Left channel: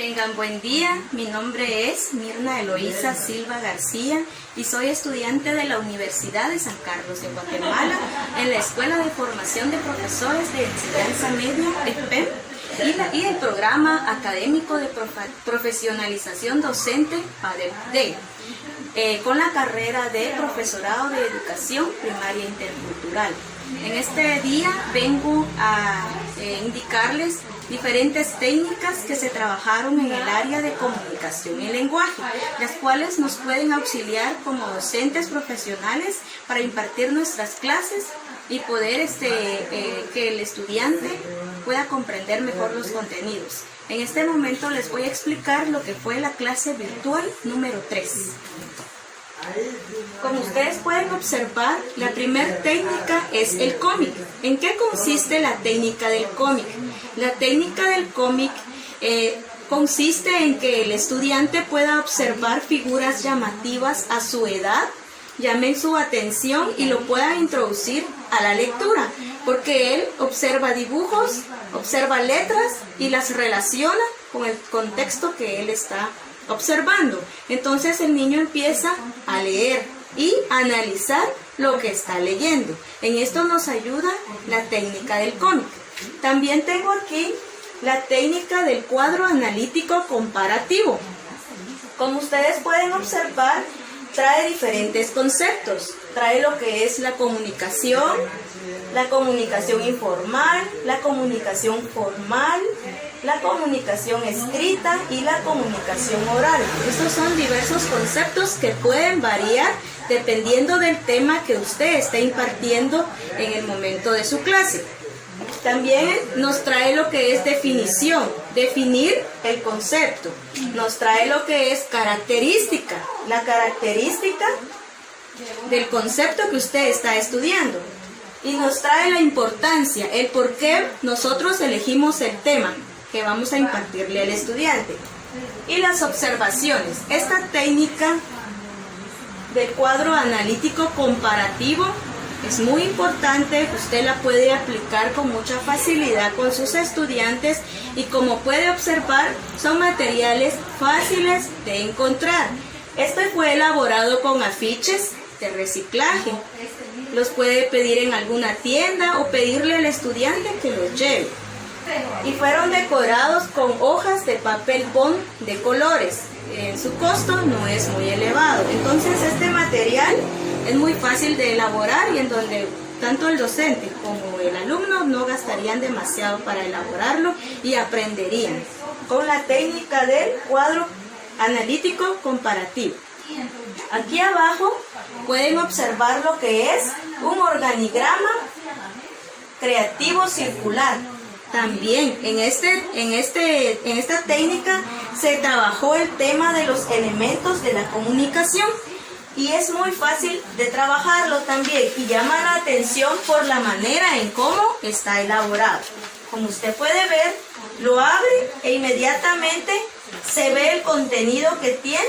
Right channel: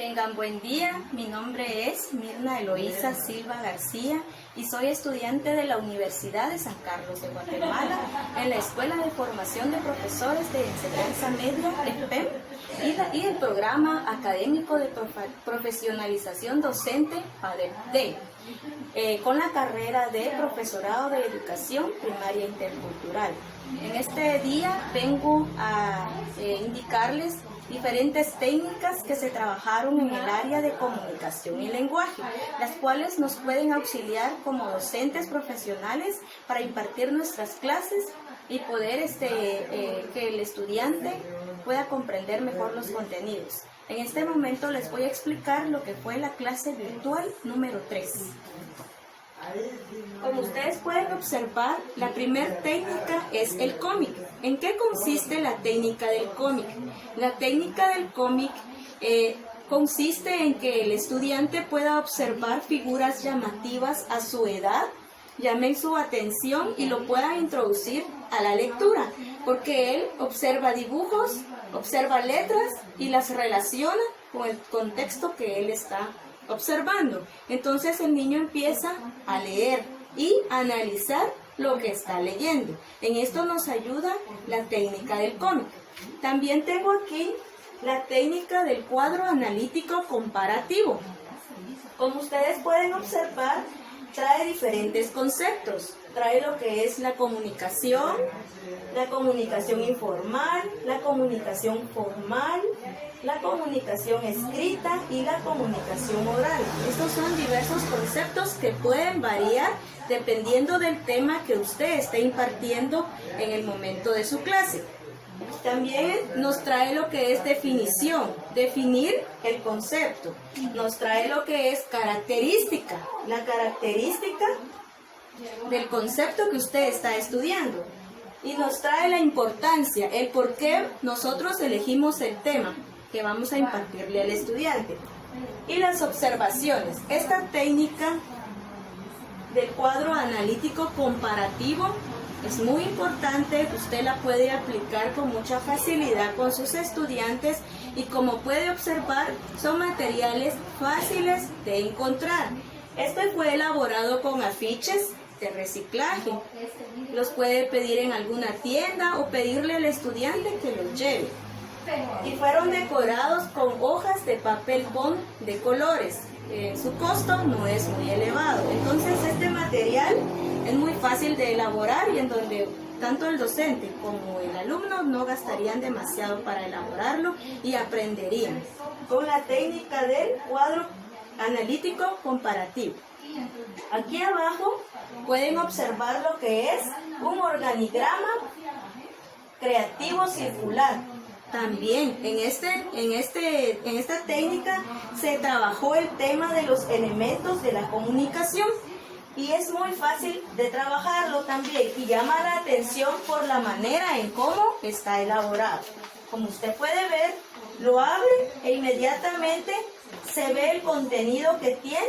Tengan buen día, mi nombre es Mirna Eloísa Silva García y soy estudiante de la Universidad de San Carlos de Guatemala en la Escuela de Formación de Profesores de Enseñanza Media, EPEM, y el Programa Académico de Profesionalización Docente, ADEPD, con la carrera de Profesorado de Educación Primaria Intercultural. En este día vengo a indicarles diferentes técnicas que se trabajaron en el área de comunicación y lenguaje, las cuales nos pueden auxiliar como docentes profesionales para impartir nuestras clases y poder que el estudiante pueda comprender mejor los contenidos. En este momento les voy a explicar lo que fue la clase virtual número 3. Como ustedes pueden observar, la primera técnica es el cómic. ¿En qué consiste la técnica del cómic? La técnica del cómic consiste en que el estudiante pueda observar figuras llamativas a su edad, llamen su atención y lo pueda introducir a la lectura, porque él observa dibujos, observa letras y las relaciona con el contexto que él está observando. Entonces el niño empieza a leer y a analizar lo que está leyendo. En esto nos ayuda la técnica del cómic. También tengo aquí la técnica del cuadro analítico comparativo. Como ustedes pueden observar, trae diferentes conceptos. Trae lo que es la comunicación informal, la comunicación formal, la comunicación escrita y la comunicación oral. Estos son diversos conceptos que pueden variar dependiendo del tema que usted esté impartiendo en el momento de su clase. También nos trae lo que es definición, definir el concepto. Nos trae lo que es característica, la característica del concepto que usted está estudiando. Y nos trae la importancia, el por qué nosotros elegimos el tema que vamos a impartirle al estudiante. Y las observaciones. Esta técnica del cuadro analítico comparativo es muy importante, usted la puede aplicar con mucha facilidad con sus estudiantes y como puede observar, son materiales fáciles de encontrar. Este fue elaborado con afiches de reciclaje. Los puede pedir en alguna tienda o pedirle al estudiante que los lleve. Y fueron decorados con hojas de papel bond de colores. Su costo no es muy elevado. Entonces este material es muy fácil de elaborar y en donde tanto el docente como el alumno no gastarían demasiado para elaborarlo y aprenderían con la técnica del cuadro analítico comparativo. Aquí abajo pueden observar lo que es un organigrama creativo circular. También en esta técnica se trabajó el tema de los elementos de la comunicación y es muy fácil de trabajarlo también y llama la atención por la manera en cómo está elaborado. Como usted puede ver, lo abre e inmediatamente se ve el contenido que tiene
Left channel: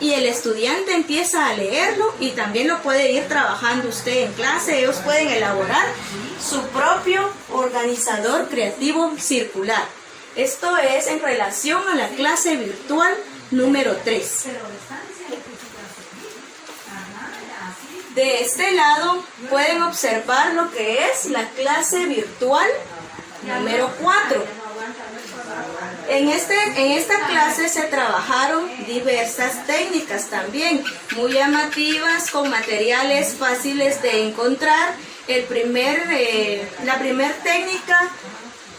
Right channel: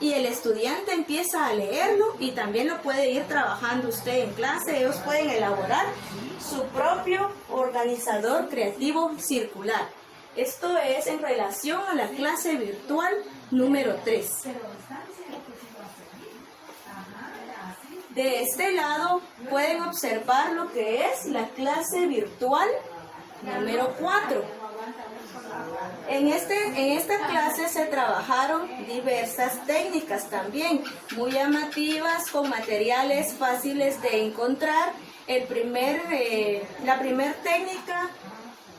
y el estudiante empieza a leerlo y también lo puede ir trabajando usted en clase. Ellos pueden elaborar su propio organizador creativo circular. Esto es en relación a la clase virtual número 3. De este lado pueden observar lo que es la clase virtual número 4. En esta clase se trabajaron diversas técnicas también, muy llamativas, con materiales fáciles de encontrar. La primera técnica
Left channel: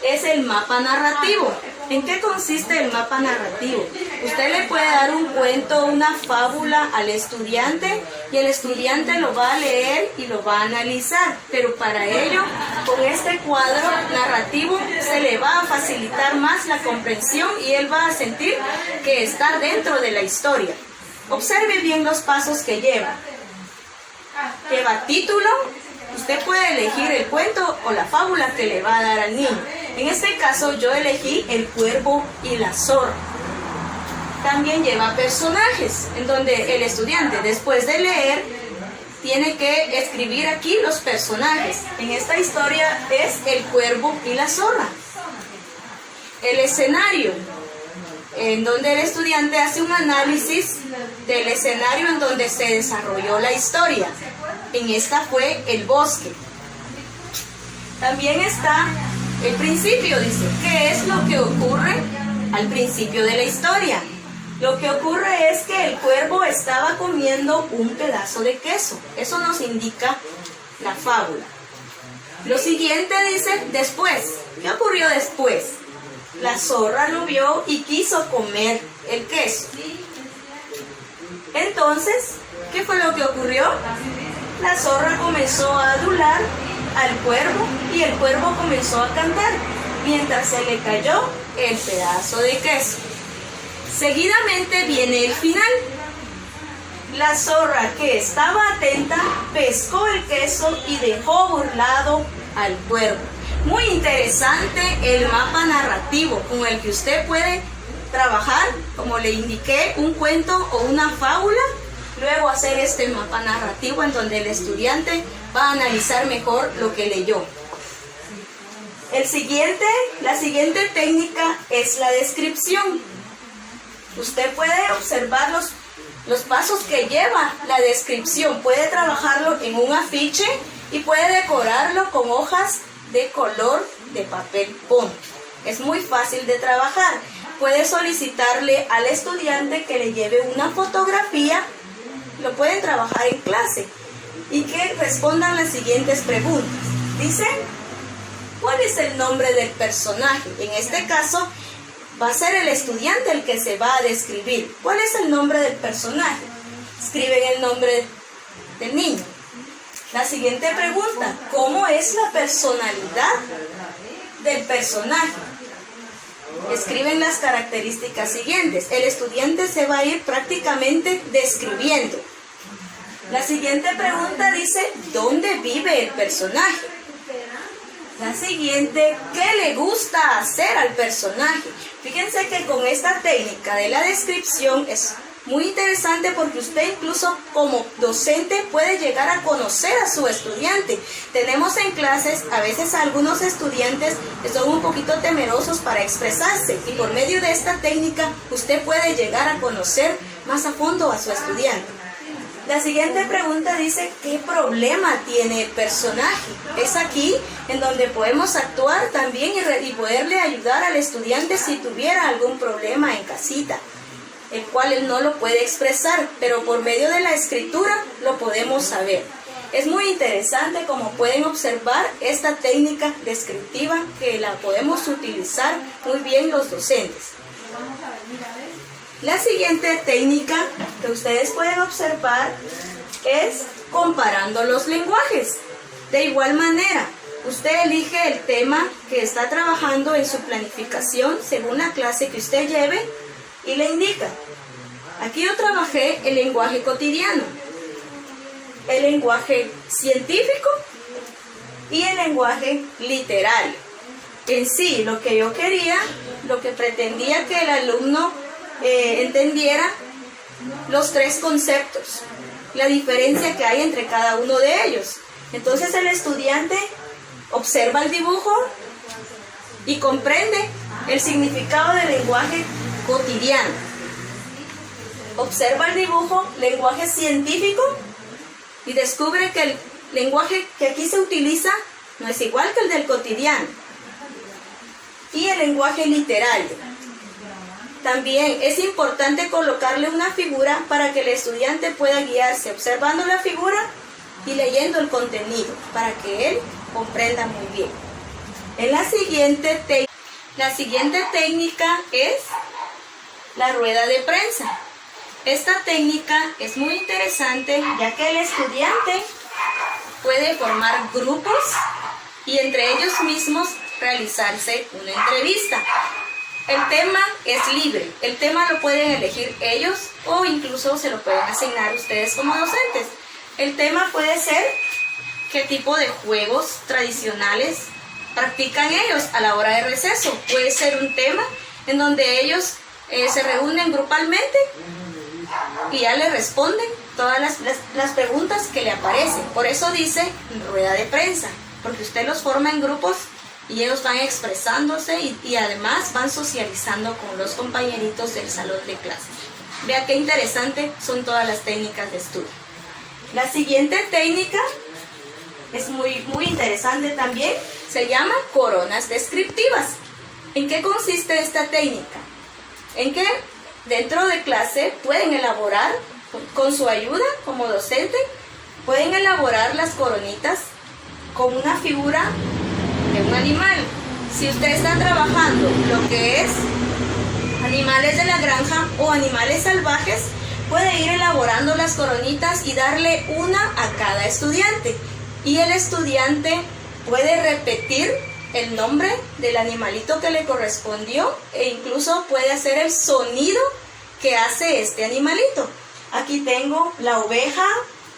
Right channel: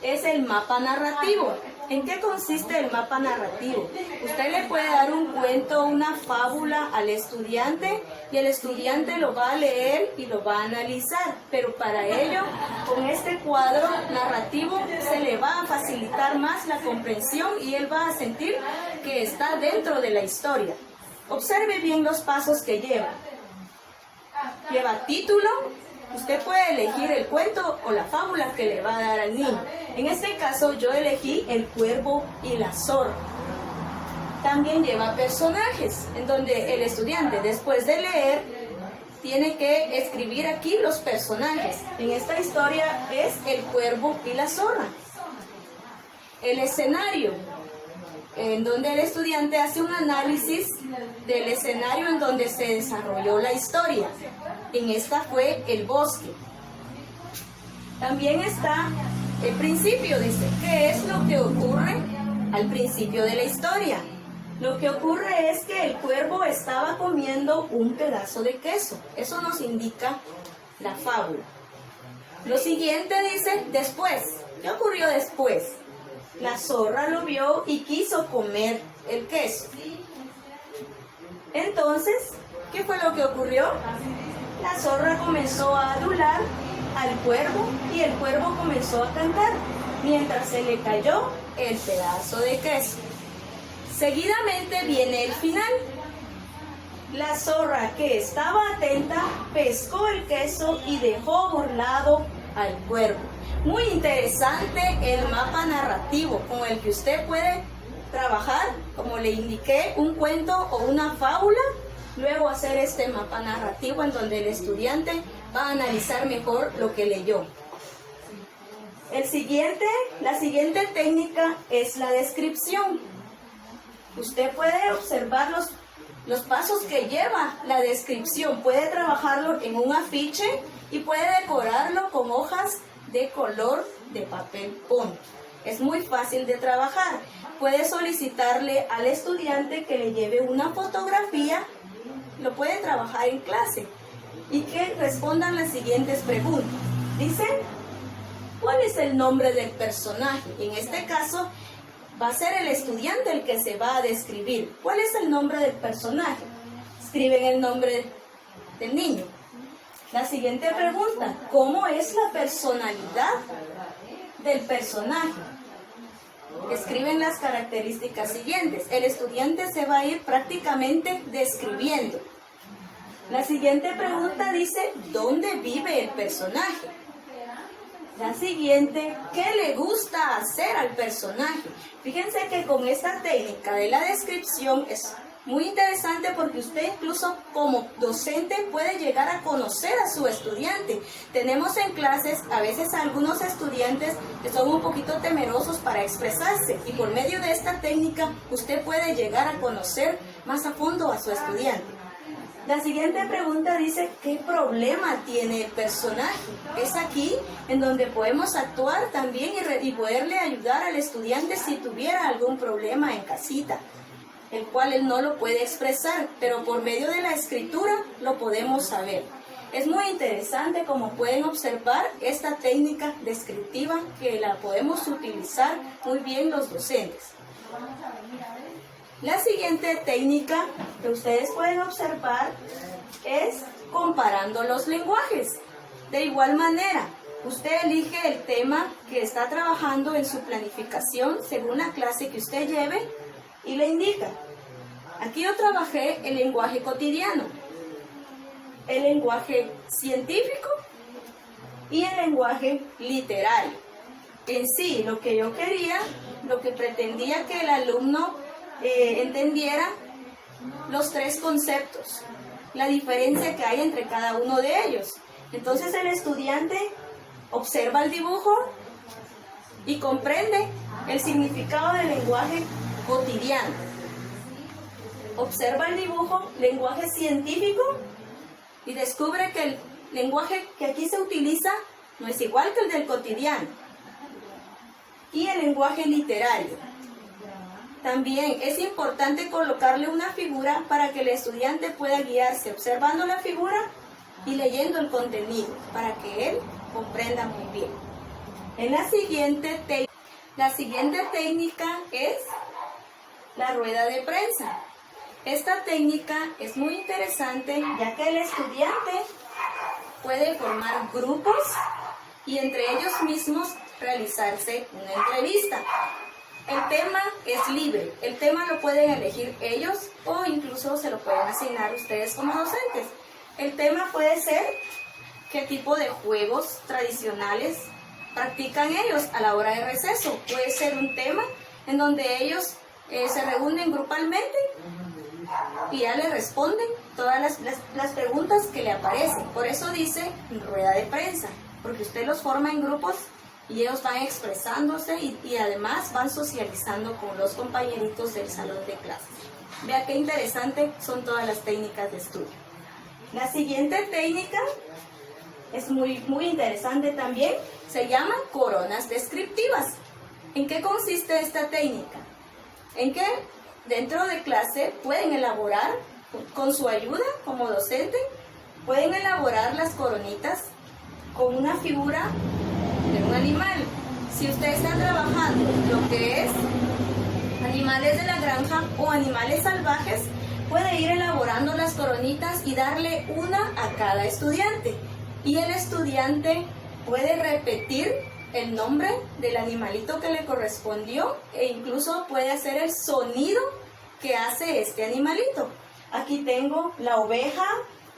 es el mapa narrativo. ¿En qué consiste el mapa narrativo? Usted le puede dar un cuento, una fábula al estudiante y el estudiante lo va a leer y lo va a analizar, pero para ello, con este cuadro narrativo se le va a facilitar más la comprensión y él va a sentir que está dentro de la historia. Observe bien los pasos que lleva. Lleva título. Usted puede elegir el cuento o la fábula que le va a dar al niño. En este caso yo elegí El cuervo y la zorra. También lleva personajes, en donde el estudiante después de leer tiene que escribir aquí los personajes. En esta historia es El cuervo y la zorra. el escenario, en donde el estudiante hace un análisis del escenario en donde se desarrolló la historia. En esta fue el bosque. También está el principio, dice, ¿qué es lo que ocurre al principio de la historia? Lo que ocurre es que el cuervo estaba comiendo un pedazo de queso. Eso nos indica la fábula. Lo siguiente dice, después. ¿Qué ocurrió después? La zorra lo vio y quiso comer el queso. Entonces, ¿qué fue lo que ocurrió? La zorra comenzó a adular al cuervo y el cuervo comenzó a cantar mientras se le cayó el pedazo de queso. Seguidamente viene el final. La zorra, que estaba atenta, pescó el queso y dejó burlado al cuervo. Muy interesante el mapa narrativo con el que usted puede trabajar, como le indiqué, un cuento o una fábula, luego hacer este mapa narrativo en donde el estudiante va a analizar mejor lo que leyó. La siguiente técnica es la descripción. Usted puede observar los pasos que lleva la descripción, puede trabajarlo en un afiche y puede decorarlo con hojas de color de papel bond. Es muy fácil de trabajar. Puede solicitarle al estudiante que le lleve una fotografía, lo pueden trabajar en clase y que respondan las siguientes preguntas. Dice, ¿cuál es el nombre del personaje? En este caso, va a ser el estudiante el que se va a describir. ¿Cuál es el nombre del personaje? Escriben el nombre del niño. La siguiente pregunta, ¿cómo es la personalidad del personaje? Escriben las características siguientes. El estudiante se va a ir prácticamente describiendo. La siguiente pregunta dice, ¿dónde vive el personaje? La siguiente, ¿qué le gusta hacer al personaje? Fíjense que con esta técnica de la descripción es muy interesante porque usted incluso como docente puede llegar a conocer a su estudiante. Tenemos en clases a veces algunos estudiantes que son un poquito temerosos para expresarse y por medio de esta técnica usted puede llegar a conocer más a fondo a su estudiante. La siguiente pregunta dice, ¿qué problema tiene el personaje? Es aquí en donde podemos actuar también y poderle ayudar al estudiante si tuviera algún problema en casita, el cual él no lo puede expresar, pero por medio de la escritura lo podemos saber. Es muy interesante como pueden observar esta técnica descriptiva que la podemos utilizar muy bien los docentes. La siguiente técnica que ustedes pueden observar es comparando los lenguajes. De igual manera, usted elige el tema que está trabajando en su planificación según la clase que usted lleve y le indica. Aquí yo trabajé el lenguaje cotidiano, el lenguaje científico y el lenguaje literario. En sí, lo que yo quería, lo que pretendía que el alumno entendiera los tres conceptos, la diferencia que hay entre cada uno de ellos. Entonces el estudiante observa el dibujo y comprende el significado del lenguaje cotidiano. Observa el dibujo, lenguaje científico, y descubre que el lenguaje que aquí se utiliza no es igual que el del cotidiano. Y el lenguaje literario. También es importante colocarle una figura para que el estudiante pueda guiarse observando la figura y leyendo el contenido, para que él comprenda muy bien. La siguiente técnica es la rueda de prensa. Esta técnica es muy interesante ya que el estudiante puede formar grupos y entre ellos mismos realizarse una entrevista. El tema es libre, el tema lo pueden elegir ellos o incluso se lo pueden asignar ustedes como docentes. El tema puede ser qué tipo de juegos tradicionales practican ellos a la hora de receso. Puede ser un tema en donde ellos se reúnen grupalmente y ya le responden todas las preguntas que le aparecen. Por eso dice rueda de prensa, porque usted los forma en grupos y ellos van expresándose y además van socializando con los compañeritos del salón de clases. Vea qué interesante son todas las técnicas de estudio. La siguiente técnica es muy interesante también, se llama coronas descriptivas. ¿En qué consiste esta técnica? En que dentro de clase pueden elaborar, con su ayuda como docente, pueden elaborar las coronitas con una figura de un animal. Si usted está trabajando lo que es animales de la granja o animales salvajes, puede ir elaborando las coronitas y darle una a cada estudiante. Y el estudiante puede repetir el nombre del animalito que le correspondió e incluso puede hacer el sonido que hace este animalito. Aquí tengo la oveja,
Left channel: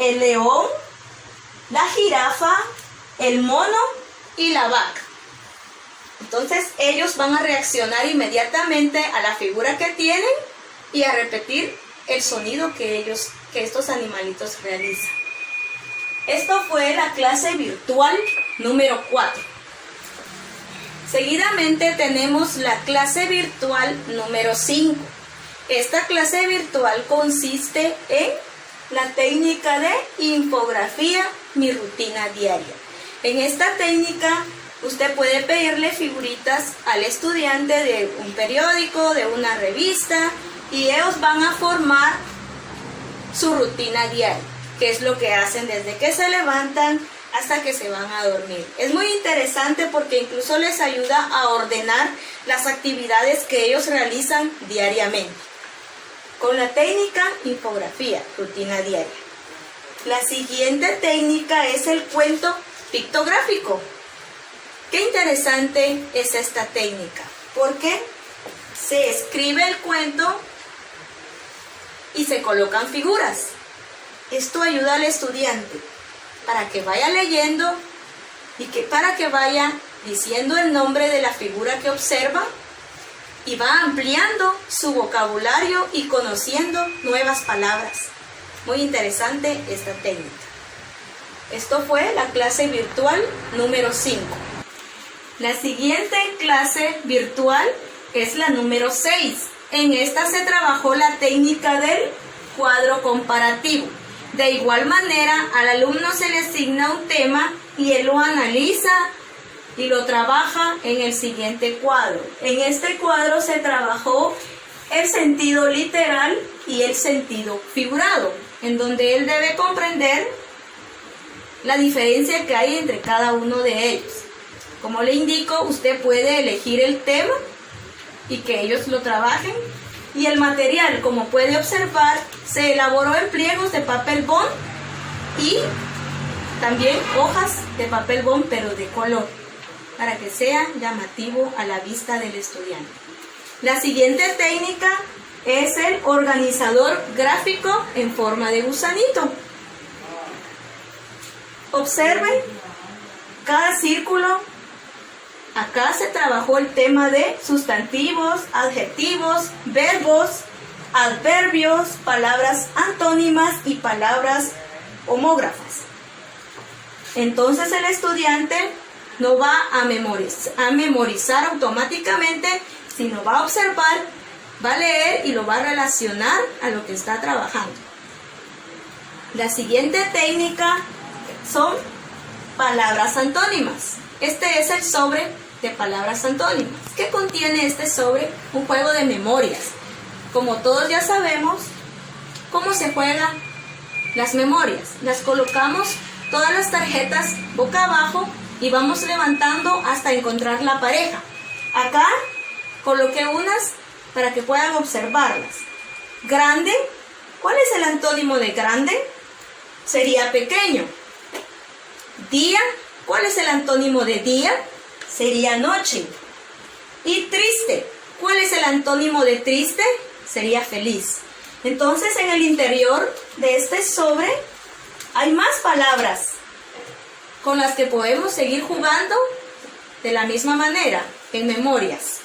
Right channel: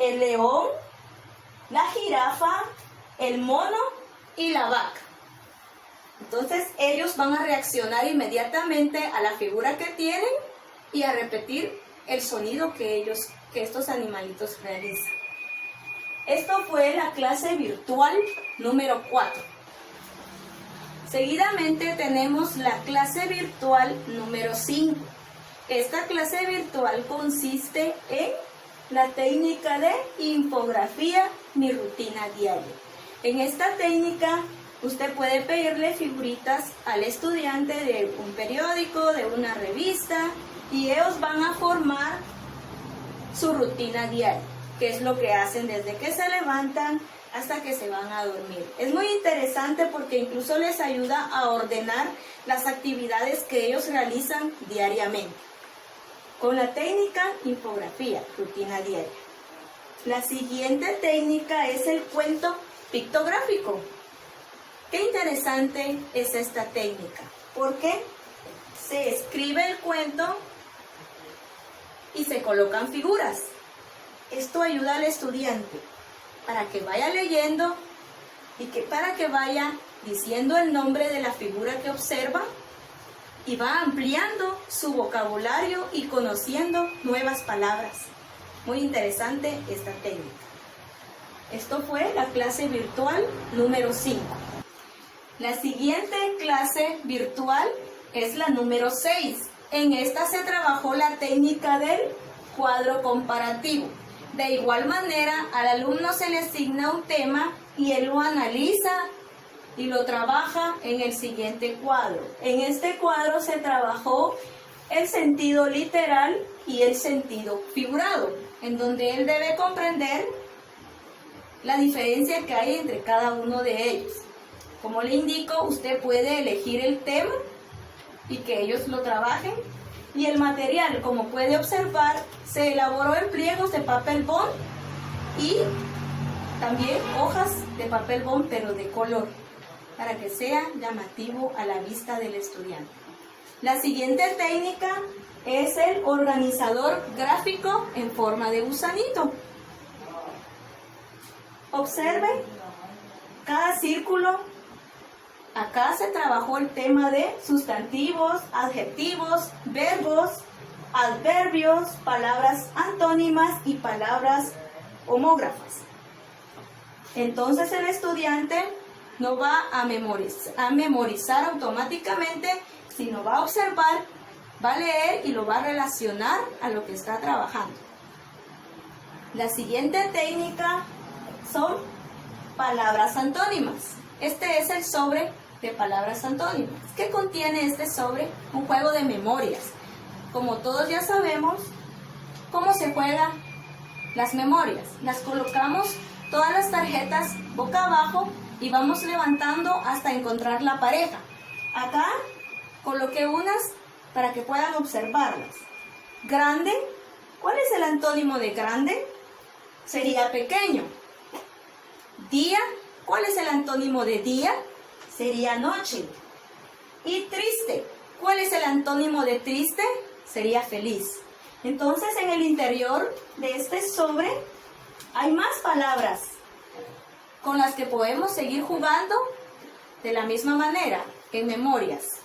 el león, la jirafa, el mono y la vaca. Entonces ellos van a reaccionar inmediatamente a la figura que tienen y a repetir el sonido que estos animalitos realizan. Esto fue la clase virtual número 4. Seguidamente tenemos la clase virtual número 5. Esta clase virtual consiste en la técnica de infografía, mi rutina diaria. En esta técnica usted puede pedirle figuritas al estudiante de un periódico, de una revista, y ellos van a formar su rutina diaria, que es lo que hacen desde que se levantan hasta que se van a dormir. Es muy interesante porque incluso les ayuda a ordenar las actividades que ellos realizan diariamente. Con la técnica infografía, rutina diaria. La siguiente técnica es el cuento pictográfico. Qué interesante es esta técnica, porque se escribe el cuento y se colocan figuras. Esto ayuda al estudiante para que vaya leyendo y para que vaya diciendo el nombre de la figura que observa y va ampliando su vocabulario y conociendo nuevas palabras. Muy interesante esta técnica. Esto fue la clase virtual número 5. La siguiente clase virtual es la número 6. En esta se trabajó la técnica del cuadro comparativo. De igual manera, al alumno se le asigna un tema y él lo analiza y lo trabaja en el siguiente cuadro. En este cuadro se trabajó el sentido literal y el sentido figurado, en donde él debe comprender la diferencia que hay entre cada uno de ellos. Como le indico, usted puede elegir el tema y que ellos lo trabajen. Y el material, como puede observar, se elaboró en pliegos de papel bond y también hojas de papel bond, pero de color, para que sea llamativo a la vista del estudiante. La siguiente técnica es el organizador gráfico en forma de gusanito. Observen cada círculo. Acá se trabajó el tema de sustantivos, adjetivos, verbos, adverbios, palabras antónimas y palabras homógrafas. Entonces el estudiante no va a memorizar automáticamente, sino va a observar, va a leer y lo va a relacionar a lo que está trabajando. La siguiente técnica son palabras antónimas. Este es el sobre de palabras antónimas. ¿Qué contiene este sobre? Un juego de memorias. Como todos ya sabemos, ¿cómo se juegan las memorias? Las colocamos todas las tarjetas boca abajo y vamos levantando hasta encontrar la pareja. Acá coloqué unas para que puedan observarlas. Grande, ¿cuál es el antónimo de grande? Sería pequeño. Día, ¿cuál es el antónimo de día? Sería noche. Y triste, ¿cuál es el antónimo de triste? Sería feliz. Entonces, en el interior de este sobre hay más palabras con las que podemos seguir jugando de la misma manera, en memorias.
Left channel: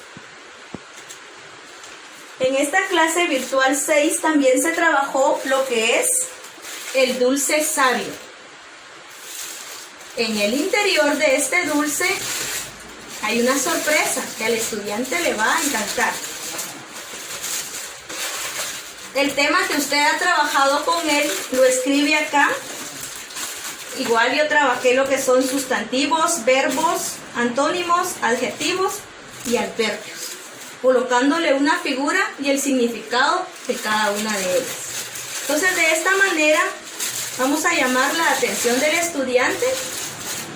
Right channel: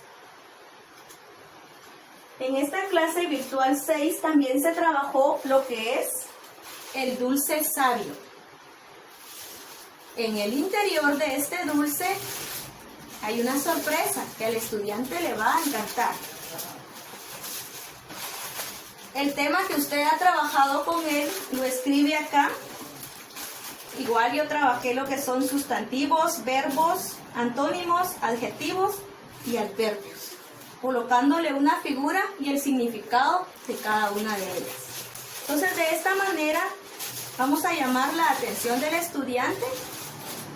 En esta clase virtual 6 también se trabajó lo que es el dulce sabio. En el interior de este dulce hay una sorpresa que al estudiante le va a encantar. El tema que usted ha trabajado con él lo escribe acá. Igual yo trabajé lo que son sustantivos, verbos, antónimos, adjetivos y adverbios, colocándole una figura y el significado de cada una de ellas. Entonces, de esta manera vamos a llamar la atención del estudiante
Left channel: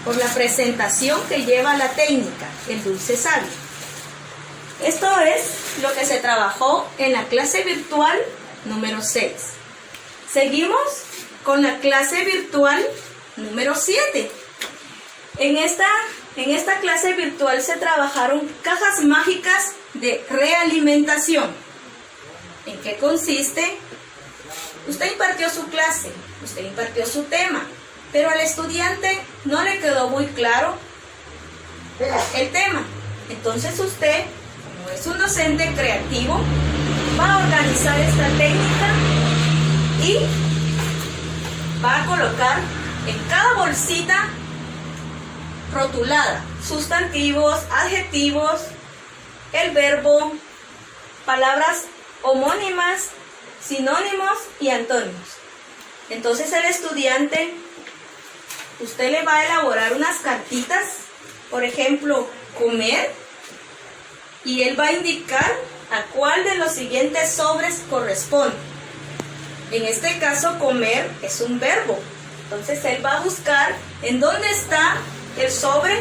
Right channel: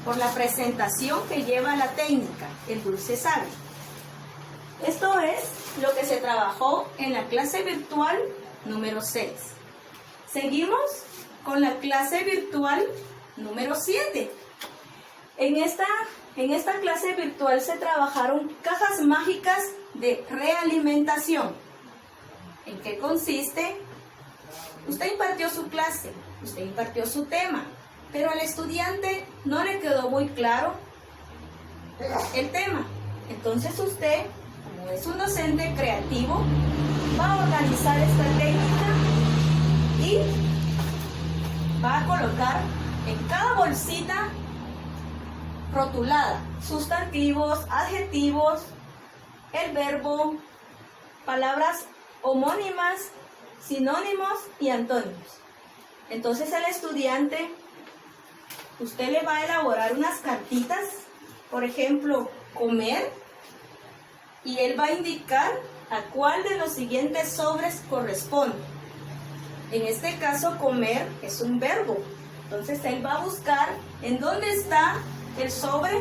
por la presentación que lleva la técnica, el dulce sabio. Esto es lo que se trabajó en la clase virtual número 6. Seguimos con la clase virtual número 7. En esta clase virtual se trabajaron cajas mágicas de realimentación. ¿En qué consiste? Usted impartió su clase, usted impartió su tema, pero al estudiante no le quedó muy claro el tema. Entonces usted, como es un docente creativo, va a organizar esta técnica y va a colocar en cada bolsita rotulada sustantivos, adjetivos, el verbo, palabras homónimas, sinónimos y antónimos. Entonces el estudiante, usted le va a elaborar unas cartitas, por ejemplo, comer, y él va a indicar a cuál de los siguientes sobres corresponde. En este caso, comer es un verbo. Entonces él va a buscar en dónde está el sobre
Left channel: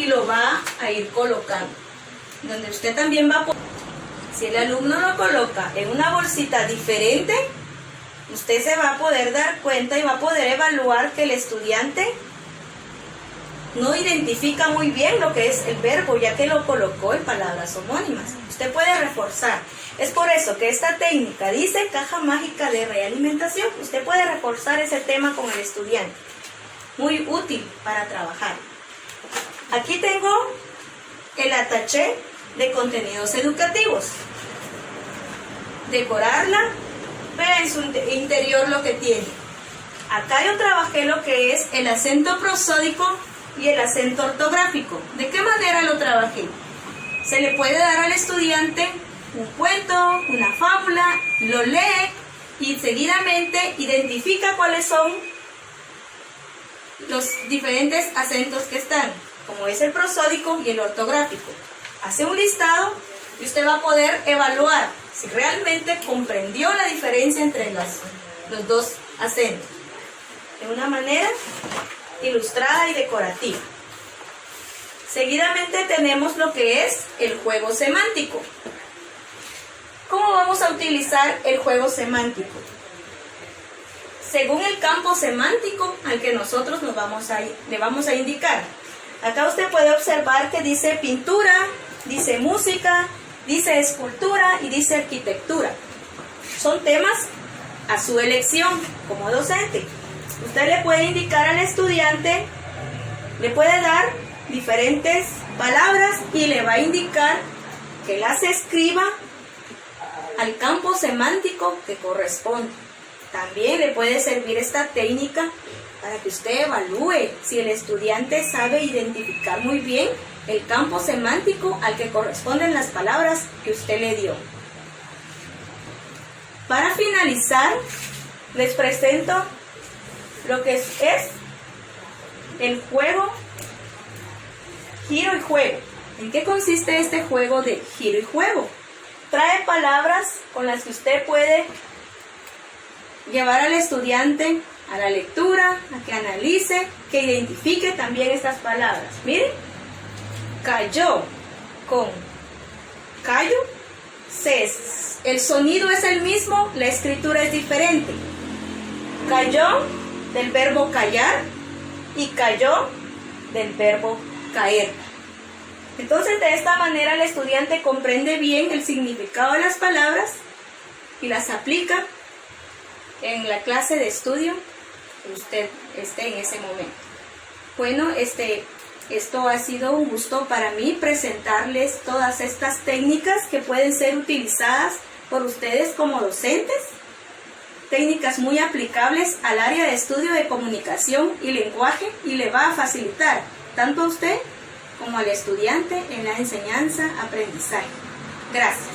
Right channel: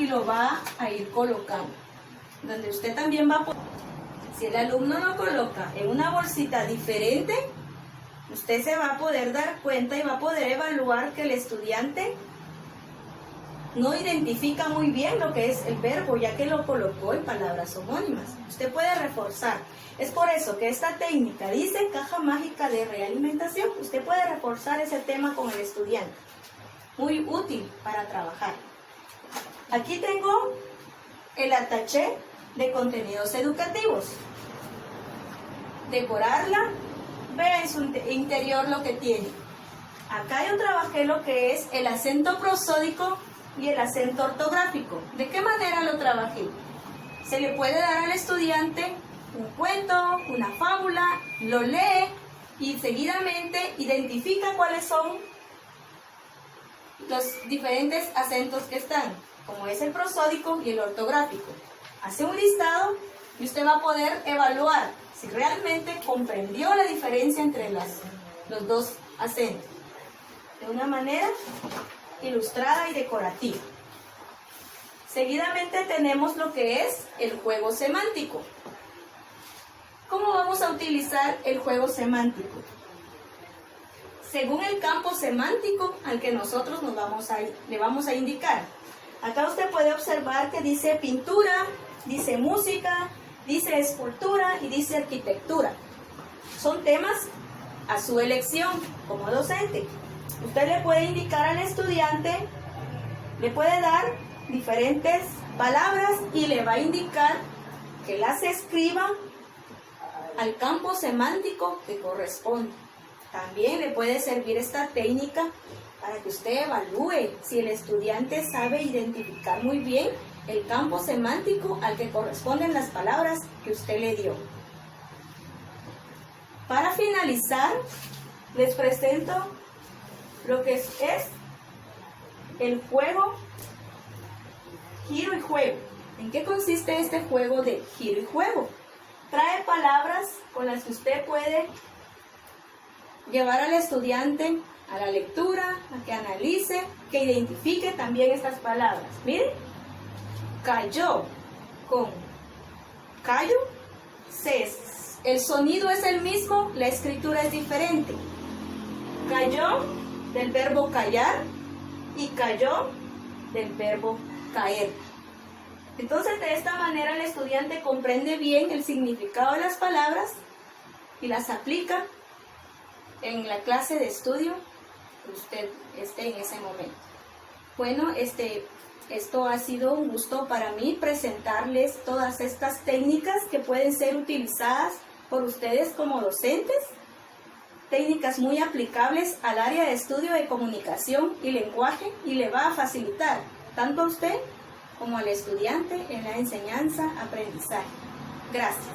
y lo va a ir colocando. Donde usted también va a poner. Si el alumno lo coloca en una bolsita diferente, usted se va a poder dar cuenta y va a poder evaluar que el estudiante no identifica muy bien lo que es el verbo, ya que lo colocó en palabras homónimas. Usted puede reforzar. Es por eso que esta técnica dice caja mágica de realimentación. Usted puede reforzar ese tema con el estudiante. Muy útil para trabajar. Aquí tengo el ataché de contenidos educativos. Decorarla. Vea en su interior lo que tiene. Acá yo trabajé lo que es el acento prosódico y el acento ortográfico. ¿De qué manera lo trabajé? Se le puede dar al estudiante un cuento, una fábula, lo lee y seguidamente identifica cuáles son los diferentes acentos que están, como es el prosódico y el ortográfico. Hace un listado y usted va a poder evaluar si realmente comprendió la diferencia entre los dos acentos de una manera ilustrada y decorativa. Seguidamente tenemos lo que es el juego semántico. ¿Cómo vamos a utilizar el juego semántico? Según el campo semántico al que nosotros le vamos a indicar. Acá usted puede observar que dice pintura, dice música, dice escultura y dice arquitectura. Son temas a su elección como docente. Usted le puede indicar al estudiante, le puede dar diferentes palabras y le va a indicar que las escriba al campo semántico que corresponde. También le puede servir esta técnica para que usted evalúe si el estudiante sabe identificar muy bien el campo semántico al que corresponden las palabras que usted le dio. Para finalizar, les presento lo que es el juego giro y juego. ¿En qué consiste este juego de giro y juego? Trae palabras con las que usted puede llevar al estudiante a la lectura, a que analice, que identifique también estas palabras. Miren, cayó con callo, el sonido es el mismo, la escritura es diferente. Cayó del verbo callar y cayó del verbo caer. Entonces, de esta manera el estudiante comprende bien el significado de las palabras y las aplica en la clase de estudio que usted esté en ese momento. Bueno, esto ha sido un gusto para mí presentarles todas estas técnicas que pueden ser utilizadas por ustedes como docentes. Técnicas muy aplicables al área de estudio de comunicación y lenguaje y le va a facilitar tanto a usted como al estudiante en la enseñanza-aprendizaje. Gracias.